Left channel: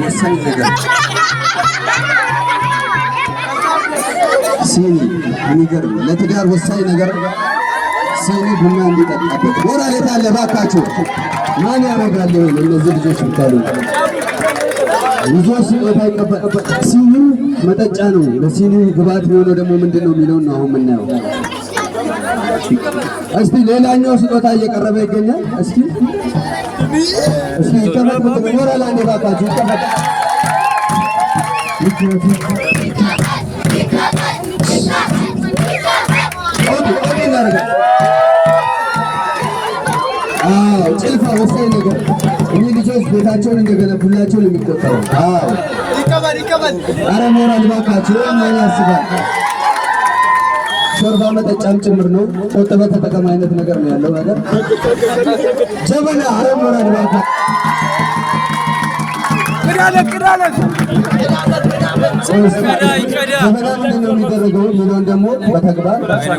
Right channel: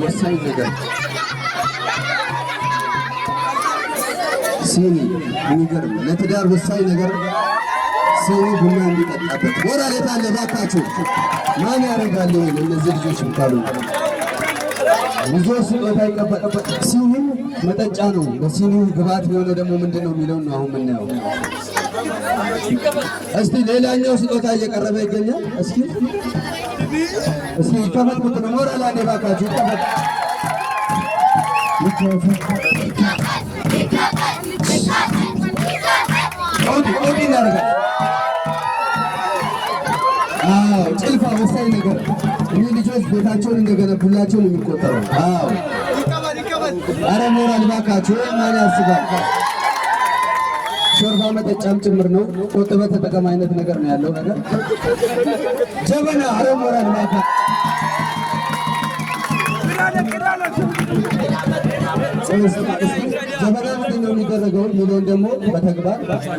ወሳኝ ነገር ሲኒ የሚገርም ለትዳር ወሳኝ ነገር ሲኒ ቡና እንዲጠጣበት ሞራል የታለ ባካችሁ? ማን ያደርጋል ይሄን? እነዚህ ልጆች ብታሉ ልጆች ስጦታ ይቀበል። ሲኒ መጠጫ ነው። ለሲኒ ግብአት የሚሆነው ደግሞ ምንድነው የሚለውን ነው አሁን የምናየው። እስቲ ሌላኛው ስጦታ እየቀረበ ይገኛል። እስኪ ይቀመጥ ሞራል አለ ባካችሁ ይቀመጥ። ጭልፋ ወሳኝ ነገር እኒህ ልጆች ቤታቸውን እንደገነቡላቸው ነው የሚቆጠረው። አረ ሞራል ባካችሁ ማን ያስባል? ሾርባ መጠጫም ጭምር ነው። ቆጥበ ተጠቀም አይነት ነገር ነው ያለው ነገር ጀበና። አረ ሞራል ባካችሁ ጀበና ምንድን ነው የሚደረገው የሚለውን ደግሞ በተግባር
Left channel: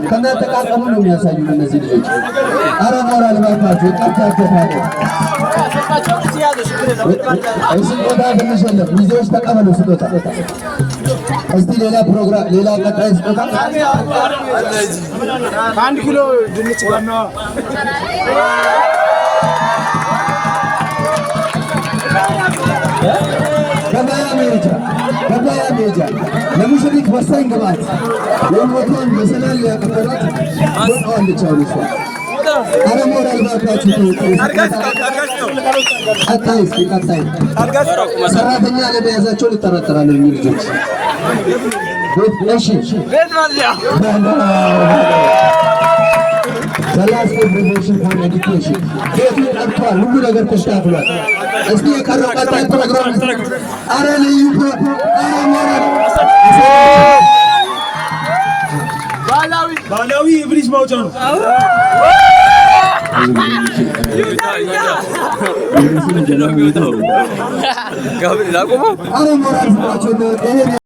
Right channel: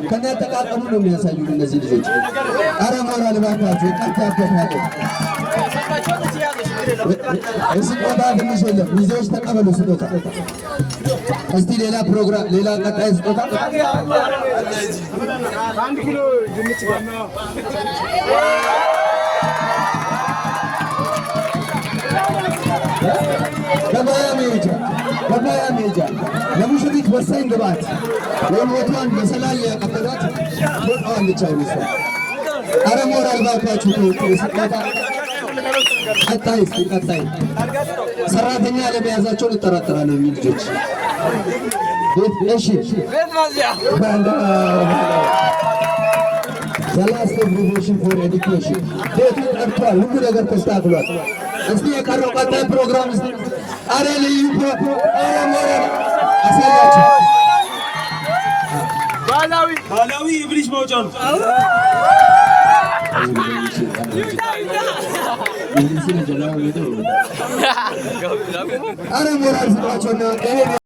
ከነጠቃቀሙ ነው የሚያሳዩ እነዚህ ልጆች። አረ ሞራል ባካችሁ ይቀጣበታል። ስጦታ ትንሽ የለም። ልጆች ተቀበሉ ስጦታ። እስቲ ሌላ ፕሮግራም ሌላ ቀጣይ ስጦታ 1 ኪሎ ድንች ዋና ገበያ ሜጃ ለሙሽሪት ወሳኝ ግብአት የሞቷን መሰላል ያቀበሏት ወጣዋለቻሉ እሷ። አረ ሞራል ባካችሁ ቀጣይ ሰራተኛ ለመያዛቸውን ይጠረጠራሉ የሚሉ ልጆች። እሺ ሰላሳ ፕሮሞሽን ፎር ኤዱኬሽን ቤቱ ጠርቷል። ሁሉ ነገር ተስተካክሏል። እስቲ የቀረው ቀጣይ ፕሮግራም አረ ልዩ ባህላዊ የብሪጅ ማውጫ ነው። አረ ሞራል ስጧቸውና